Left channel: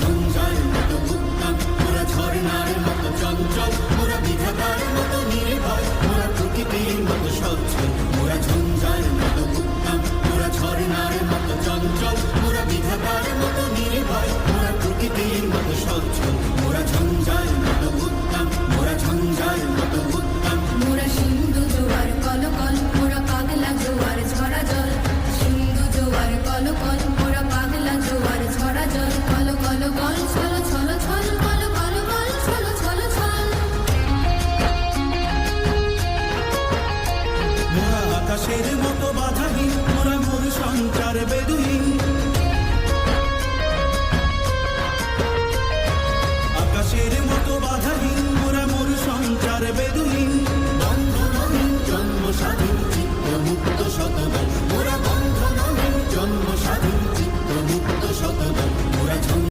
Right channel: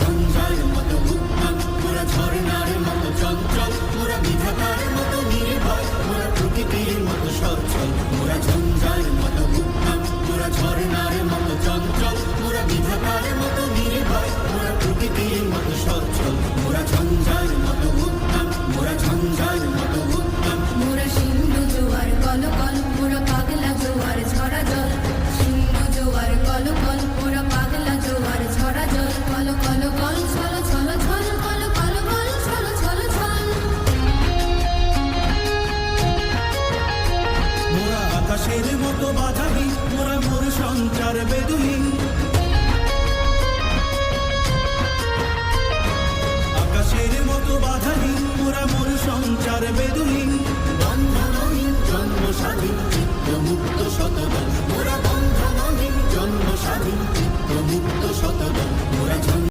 ঝঞ্ঝার মতো উদ্যম, মোরা ঝর্ণার মতো চঞ্চল, মোরা বিধাতার মতো নির্ভয়, মোরা প্রকৃতির মতো সচ্ছল। মোরা ঝঞ্ঝার মতো উদ্যম, মোরা ঝর্ণার মতো চঞ্চল, মোরা বিধাতার মতো নির্ভয়, মোরা প্রকৃতির মতো সচ্ছল। মোরা ঝঞ্ঝার মতো উদ্যম, মোরা ঝঞ্ঝার মতো উদ্যম। মোরা সিন্ধু জোয়ার কলকল, মোরা পাগলা জোয়ার ঝরা জল। সিন্ধু জোয়ার কলকল, মোরা পাগলা জোয়ার ঝরা জল। কল কল কল ছল ছল ছল, কল কল কল ছল ছল ছল। মোরা আকাশের মতো বাধাহীন, মোরা মোর সঞ্চার বেদুহীন। আকাশের মতো বাধাহীন, মোরা মোর সঞ্চার বেদুহীন। বন্ধনহীন জন্ম স্বাধীন চিত্ত মুক্ত শতদল, মোরা বন্ধনহীন জন্ম স্বাধীন চিত্ত মুক্ত শতদল। মোরা